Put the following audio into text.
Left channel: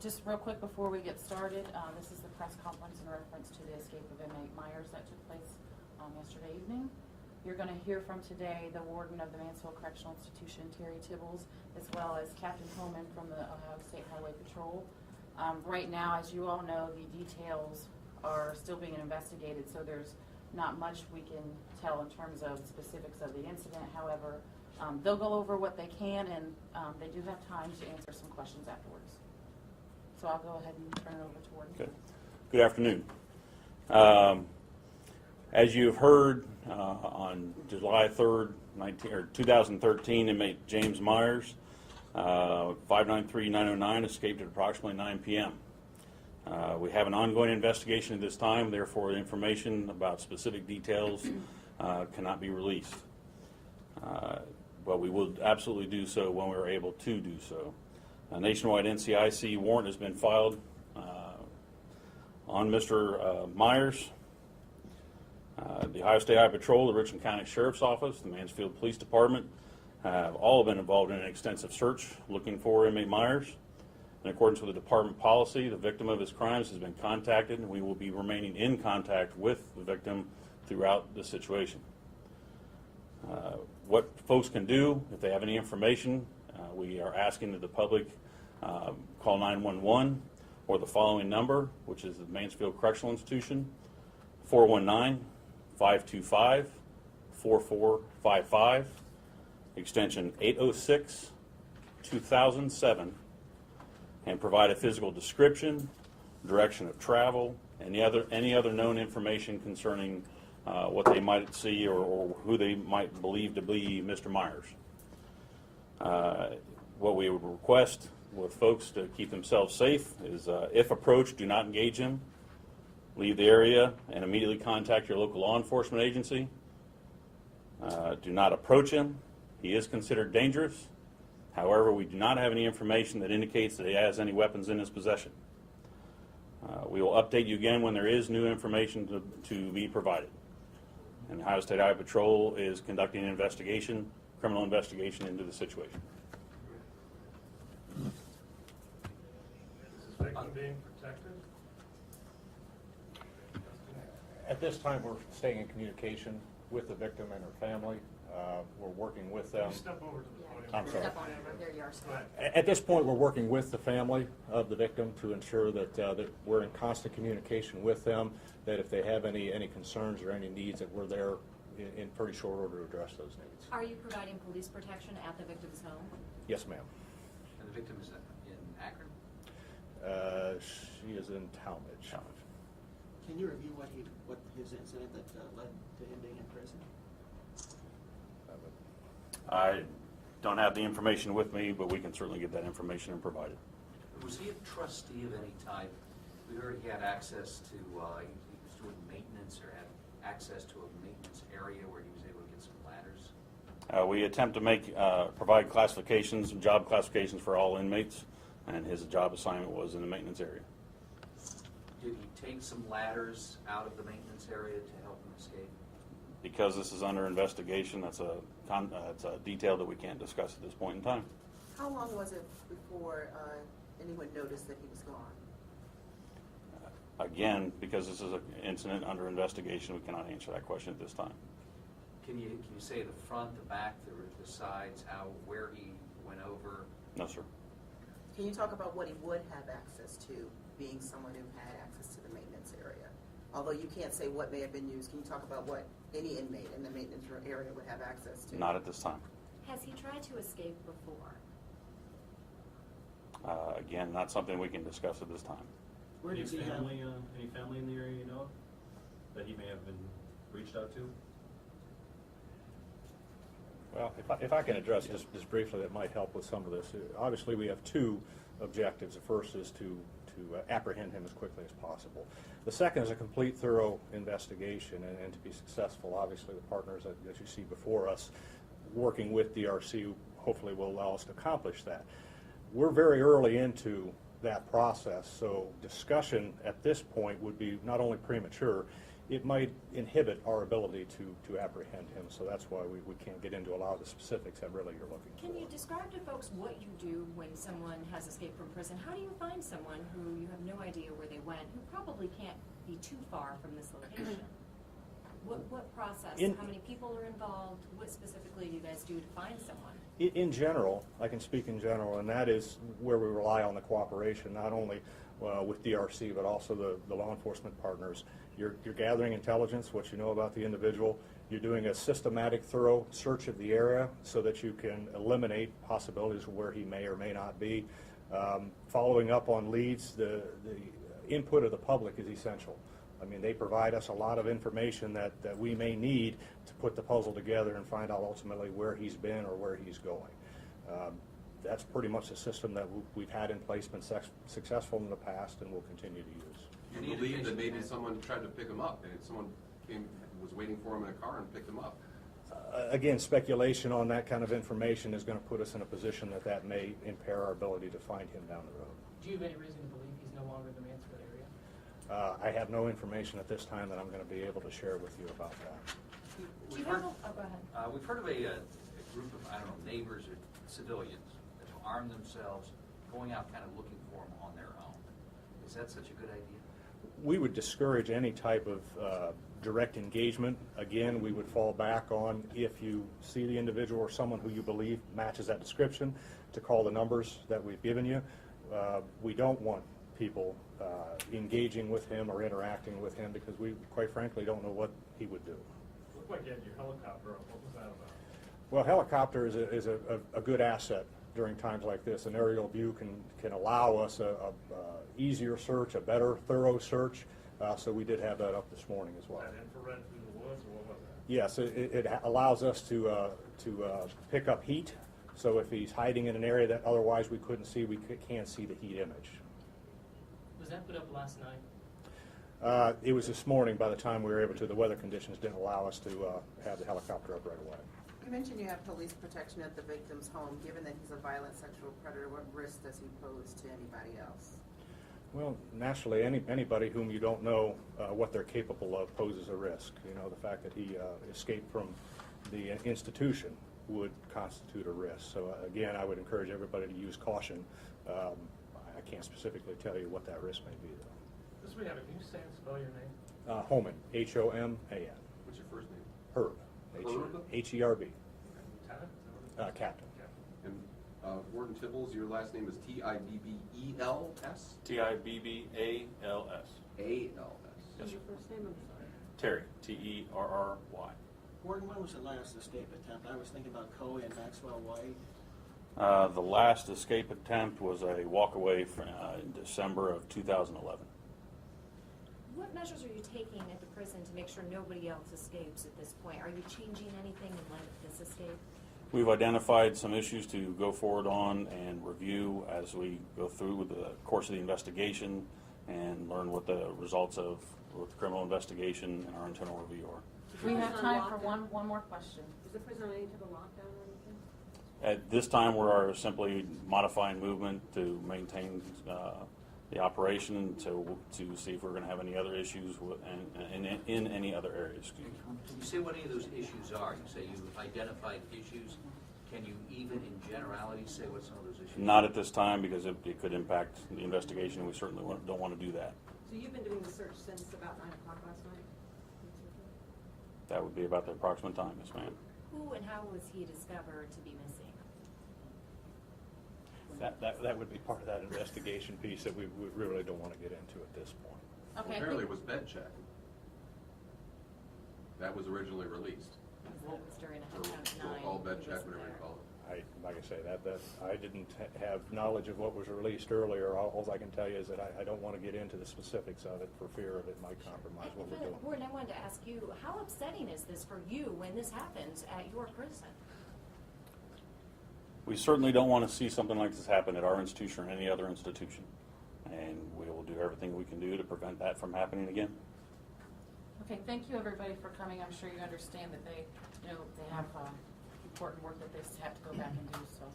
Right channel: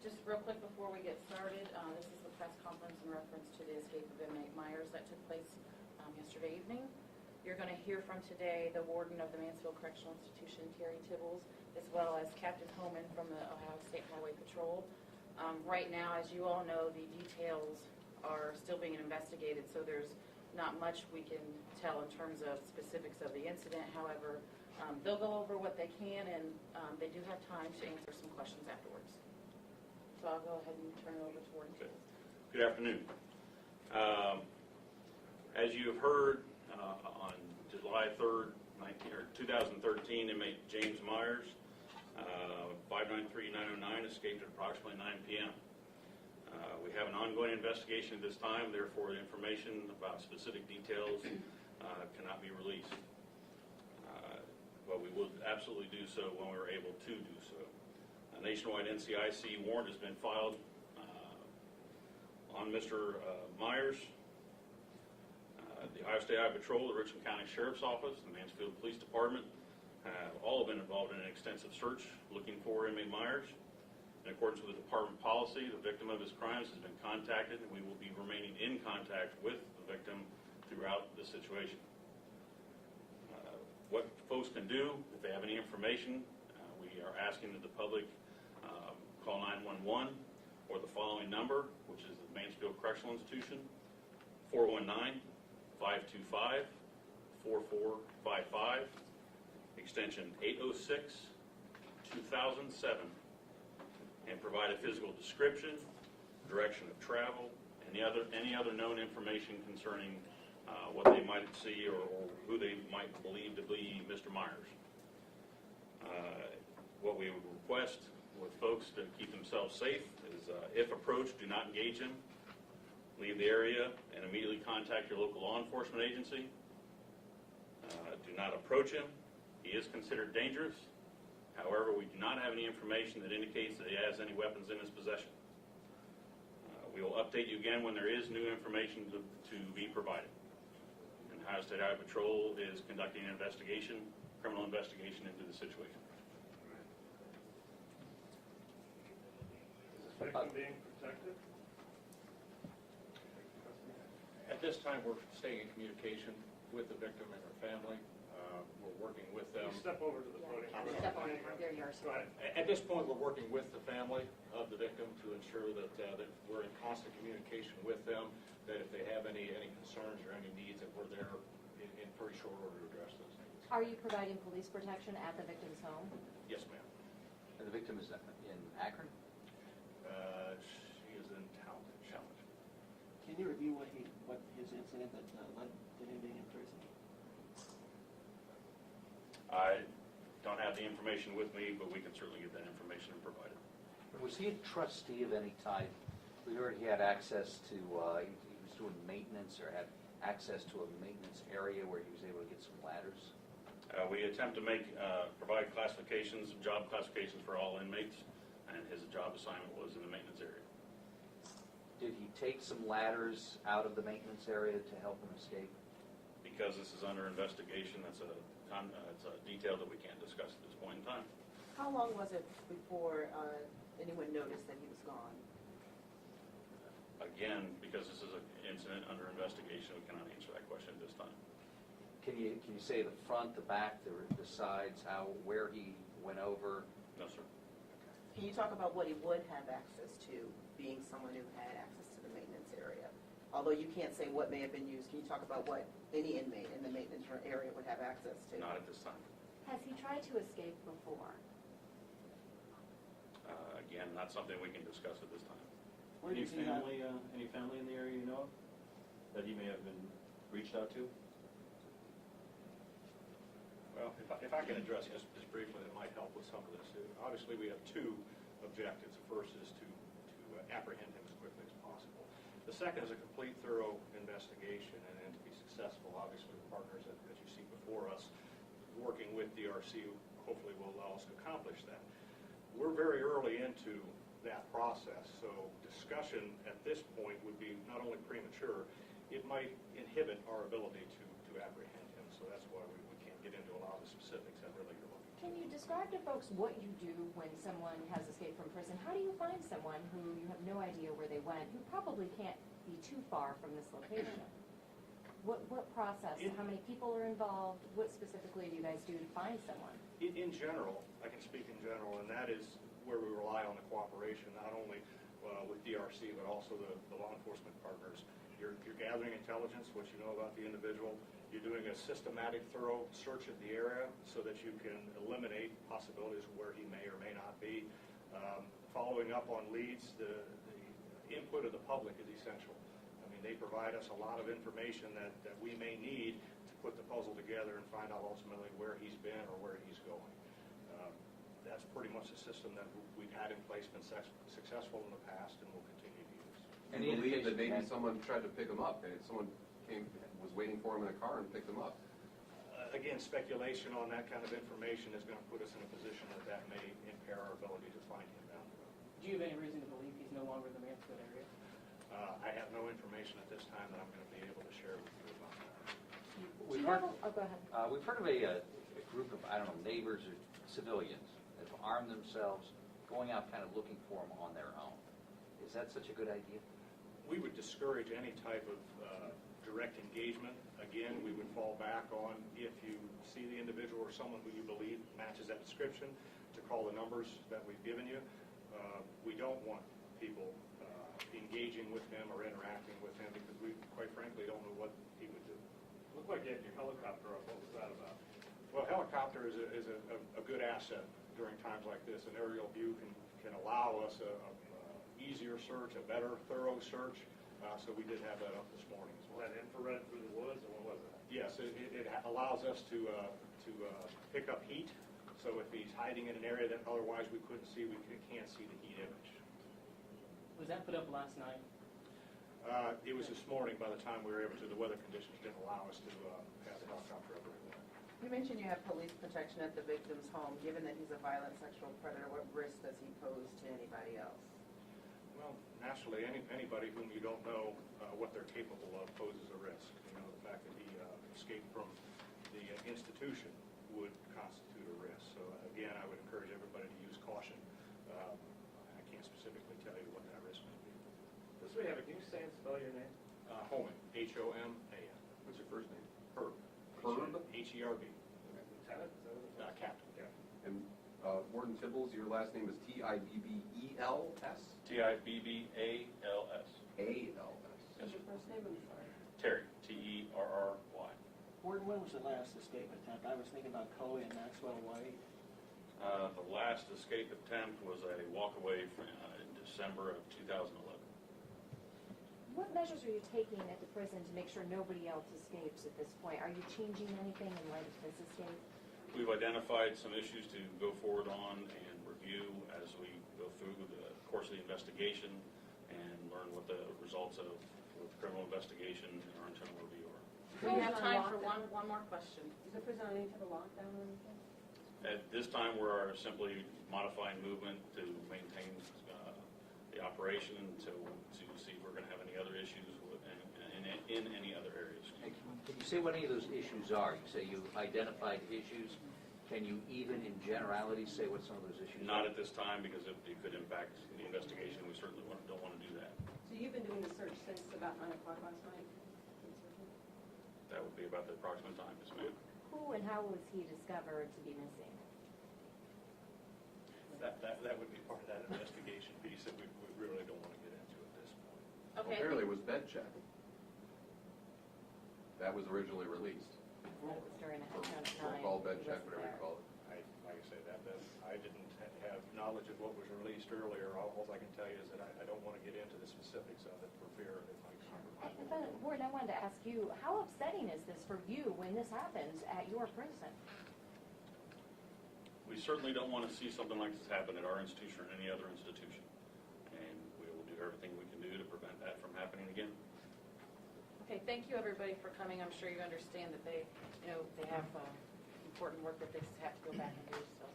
Just real quick before we get started, this is the press conference in reference to the escape of inmate Myers that took place yesterday evening. You're going to hear from today the warden of the Mansfield Correctional Institution, Terry Tibbles, as well as Captain Homan from the Ohio State Highway Patrol. Right now, as you all know, the details are still being investigated, so there's not much we can tell in terms of specifics of the incident. However, they'll go over what they can, and they do have time to answer some questions afterwards. So I'll go ahead and turn it over to Warden. Okay. Good afternoon. As you've heard, on July 3rd, 2013, inmate James Myers, 593-909, escaped at approximately 9 p.m. We have an ongoing investigation at this time, therefore information about specific details cannot be released. But we will absolutely do so when we are able to do so. A nationwide NCIC warrant has been filed on Mr. Myers. The Ohio State Highway Patrol, the Richland County Sheriff's Office, the Mansfield Police Department have all been involved in an extensive search looking for inmate Myers. In accordance with the department policy, the victim of his crimes has been contacted, and we will be remaining in contact with the victim throughout the situation. What folks can do, if they have any information, we are asking that the public call 911 or the following number, which is the Mansfield Correctional Institution, 419-525-4455, extension 806, 2007, and provide a physical description, direction of travel, and any other known information concerning what they might see or who they might believe to be Mr. Myers. What we would request with folks to keep themselves safe is, if approached, do not engage him. Leave the area and immediately contact your local law enforcement agency. Do not approach him. He is considered dangerous. However, we do not have any information that indicates that he has any weapons in his possession. We will update you again when there is new information to be provided. And the Ohio State Highway Patrol is conducting an investigation, criminal investigation into the situation. Is this victim being protected? At this time, we're staying in communication with the victim and her family. We're working with them. Step over to the podium. I'm sorry. Step on it. There you are. Go ahead. At this point, we're working with the family of the victim to ensure that we're in constant communication with them, that if they have any concerns or any needs, that we're there in pretty short order to address those needs. Are you providing police protection at the victim's home? Yes, ma'am. And the victim is in Akron? She is in Talmadge. Can you review what his incident that led to him being in prison? I don't have the information with me, but we can certainly get that information and provide it. Was he a trustee of any type? We heard he had access to, he was doing maintenance or had access to a maintenance area where he was able to get some ladders? We attempt to provide classifications, job classifications for all inmates, and his job assignment was in the maintenance area. Did he take some ladders out of the maintenance area to help him escape? Because this is under investigation, it's a detail that we can't discuss at this point in time. How long was it before anyone noticed that he was gone? Again, because this is an incident under investigation, we cannot answer that question at this time. Can you say the front, the back, the sides, where he went over? No, sir. Can you talk about what he would have access to, being someone who had access to the maintenance area? Although you can't say what may have been used, can you talk about what any inmate in the maintenance area would have access to? Not at this time. Has he tried to escape before? Again, not something we can discuss at this time. Where does he have? Any family in the area you know of that he may have been reached out to? Well, if I can address just briefly, that might help with some of this. Obviously, we have two objectives. The first is to apprehend him as quickly as possible. The second is a complete, thorough investigation, and to be successful, obviously, the partners that you see before us working with DRC hopefully will allow us to accomplish that. We're very early into that process, so discussion at this point would be not only premature, it might inhibit our ability to apprehend him. So that's why we can't get into a lot of the specifics that really you're looking for. Can you describe to folks what you do when someone has escaped from prison? How do you find someone who you have no idea where they went, who probably can't be too far from this location? What process? How many people are involved? What specifically do you guys do to find someone? In general, I can speak in general, and that is where we rely on the cooperation, not only with DRC, but also the law enforcement partners. You're gathering intelligence, what you know about the individual. You're doing a systematic, thorough search of the area so that you can eliminate possibilities of where he may or may not be. Following up on leads, the input of the public is essential. I mean, they provide us a lot of information that we may need to put the puzzle together and find out ultimately where he's been or where he's going. That's pretty much the system that we've had in place, been successful in the past, and will continue to use. You believe that maybe someone tried to pick him up, and someone was waiting for him in a car and picked him up? Again, speculation on that kind of information is going to put us in a position that may impair our ability to find him down the road. Do you have any reason to believe he's no longer in the Mansfield area? I have no information at this time that I'm going to be able to share with you about that. Do you have go ahead. We've heard of a group of, I don't know, neighbors or civilians that arm themselves, going out kind of looking for them on their own. Is that such a good idea? We would discourage any type of direct engagement. Again, we would fall back on, if you see the individual or someone who you believe matches that description, to call the numbers that we've given you. We don't want people engaging with him or interacting with him, because we, quite frankly, don't know what he would do. Looked like you had your helicopter up. What was that about? Well, helicopter is a good asset during times like this. An aerial view can allow us a easier search, a better, thorough search. So we did have that up this morning as well. That infrared through the woods, or what was that? Yes, it allows us to pick up heat. So if he's hiding in an area that otherwise we couldn't see, we can't see the heat image. Was that put up last night? It was this morning. By the time we were able to, the weather conditions didn't allow us to have the helicopter up right away. You mentioned you have police protection at the victim's home. Given that he's a violent sexual predator, what risk does he pose to anybody else? Well, naturally, anybody whom you don't know what they're capable of poses a risk. You know, the fact that he escaped from the institution would constitute a risk. So again, I would encourage everybody to use caution. I can't specifically tell you what that risk may be, though. This we have it. Can you say and spell your name? Homan, Homan. What's your first name? Herb, Herb? H-E-R-B, Lieutenant? Is that what it is? captain. Yeah. And Warden Tibbles, your last name is T-I-B-B-E-L-S? T-I-B-B-A-L-S. A-L-S. What's your first name? I'm sorry. Terry, T-E-R-R-Y. Warden, when was the last escape attempt? I was thinking about Coe and Maxwell White. The last escape attempt was a walkaway in December of 2011. What measures are you taking at the prison to make sure nobody else escapes at this point? Are you changing anything in light of this escape? We've identified some issues to go forward on and review as we go through the course of the investigation and learn what the results of the criminal investigation and our internal review are. We have time for one more question. Is the prison on any type of lockdown or anything? At this time, we're simply modifying movement to maintain the operation to see if we're going to have any other issues in any other areas. Can you say what any of those issues are? You say you've identified issues. Can you even in generality say what some of those issues are? Not at this time, because it could impact the investigation, and we certainly don't want to do that. So you've been doing the search since about 9 o'clock last night? That would be about the approximate time, yes, ma'am. Who and how was he discovered to be missing? That would be part of that investigation piece that we really don't want to get into at this point. Okay. Apparently it was bed check. That was originally released. That was during a Or headshot we'll 9. call bed He check, wasn't whatever you there. call it. Like I say, I didn't have knowledge of what was released earlier. All I can tell you is that I don't want to get into the specifics of it for fear of it might compromise what we're doing. Warden, I wanted to ask you, how upsetting is this for you when this happens at your prison? We certainly don't want to see something like this happen at our institution or any other institution. And we will do everything we can do to prevent that from happening again. Okay, thank you everybody for coming. I'm sure you understand that they have important work that they have to go back and do, so.